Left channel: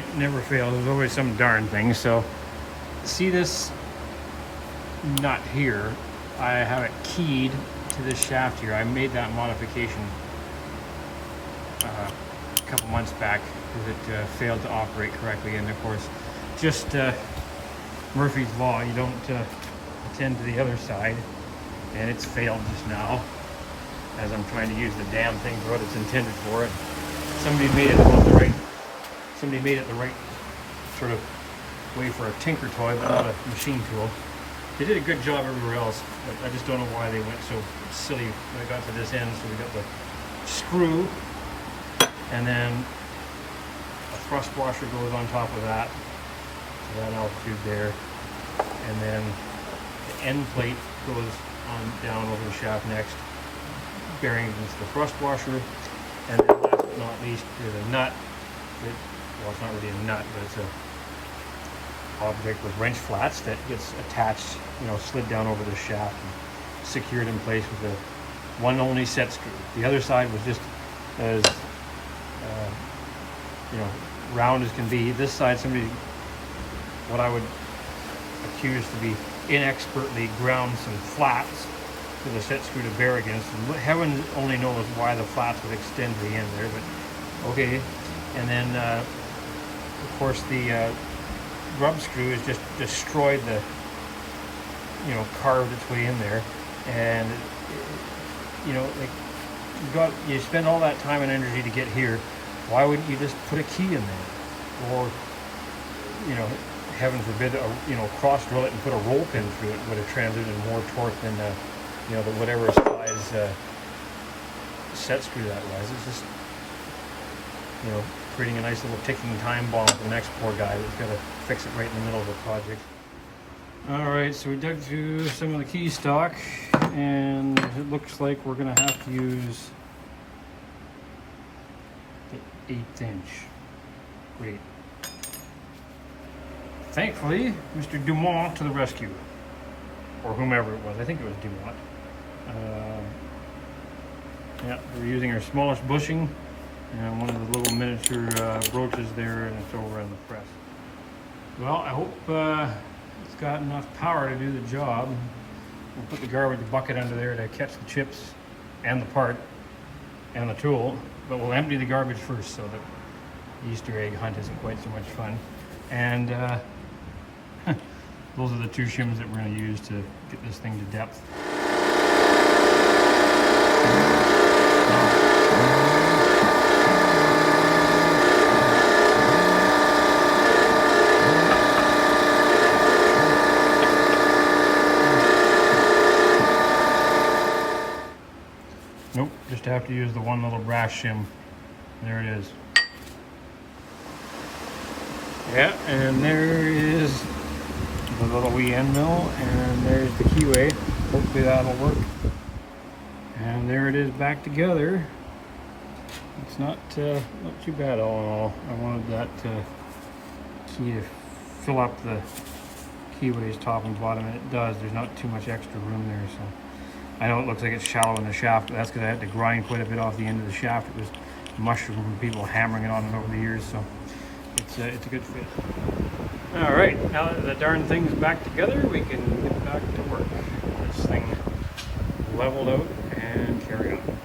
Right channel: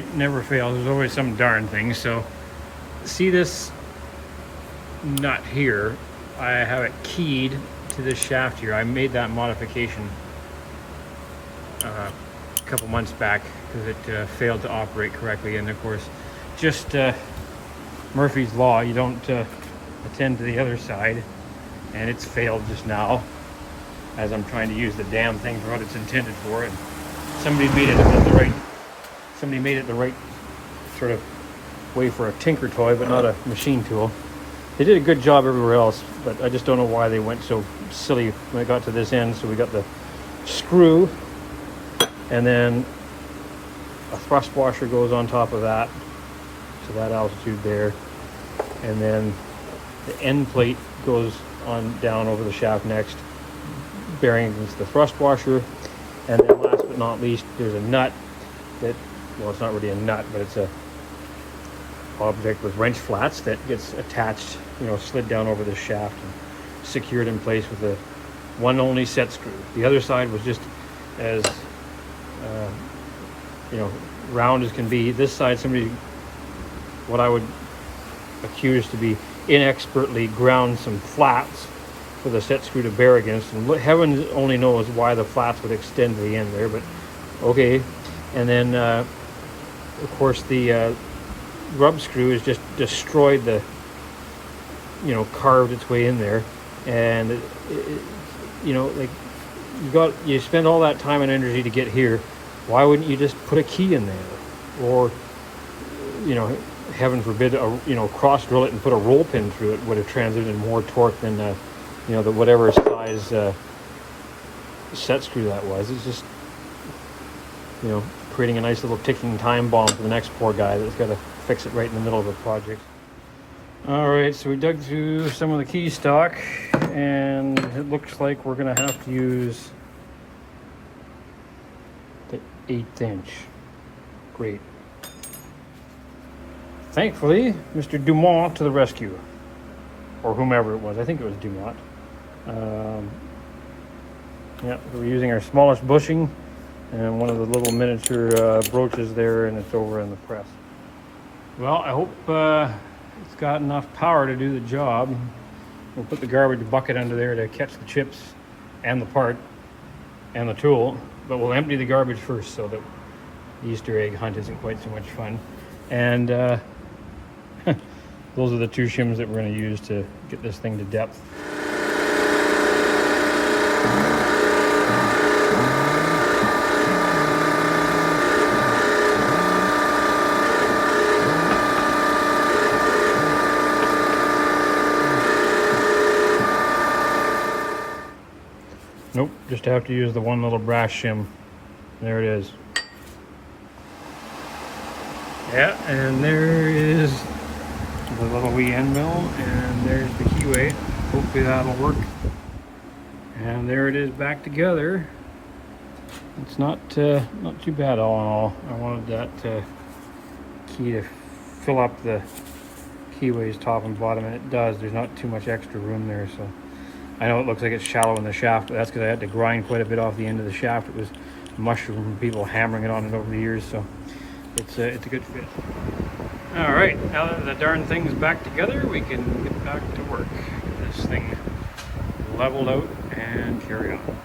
right, never fails. There's always some darn thing. So see this nut here? I have it keyed to this shaft here. I made that modification a couple months back because it failed to operate correctly. And of course, just Murphy's Law, you don't attend to the other side, and it's failed just now as I'm trying to use the damn thing for what it's intended for. And somebody made it the right sort of way for a tinker toy, but not a machine tool. They did a good job everywhere else, but I just don't know why they went so silly when it got to this end. So we got the screw, and then a thrust washer goes on top of that, so that altitude there, and then the end plate goes on down over the shaft next, bearing against the thrust washer. And then last but not least, there's a nut that, well, it's not really a nut, but it's a object with wrench flats that gets attached, you know, slid down over the shaft and secured in place with a one only set screw. The other side was just as you know, round as can be. This side, somebody, what I would accuse to be inexpertly ground some flats with a set screw to bear against, and heaven only knows why the flats would extend to the end there, but okay. And then of course the rub screw has just destroyed the, you know, carved its way in there. And you know, like, you spend all that time and energy to get here. Why wouldn't you just put a key in there, or, you know, heaven forbid, you know, cross drill it and put a roll pin through it? Would have transmitted more torque than you know, the whatever size set screw that was. It's just, you know, creating a nice little ticking time bomb for the next poor guy that's got to fix it right in the middle of the project. All right, so we dug through some of the key stock, and it looks like we're gonna have to use the 1/8 inch. Great. Thankfully, Mr. Dumont to the rescue, or whomever it was. I think it was Dumont. Yeah, we're using our smallest bushing and one of the little miniature broaches there, and it's over in the press. Well, I hope it's got enough power to do the job. We'll put the garbage bucket under there to catch the chips and the part and the tool, but we'll empty the garbage first so that the Easter egg hunt isn't quite so much fun. And those are the two shims that we're going to use to get this thing to depth. Nope, just have to use the one little brass shim. There it is. Yeah, and there is the little wee end mill, and there's the keyway. Hopefully that'll work. And there it is back together. It's not too bad all in all. I wanted that key to fill up the keyways top and bottom, and it does. There's not too much extra room there, so I know it looks like it's shallow in the shaft, but that's because I had to grind quite a bit off the end of the shaft. It was mushroom from people hammering it on it over the years, so it's a good fit. All right, now that the darn thing's back together, we can get back to work. Get this thing leveled out and carry on.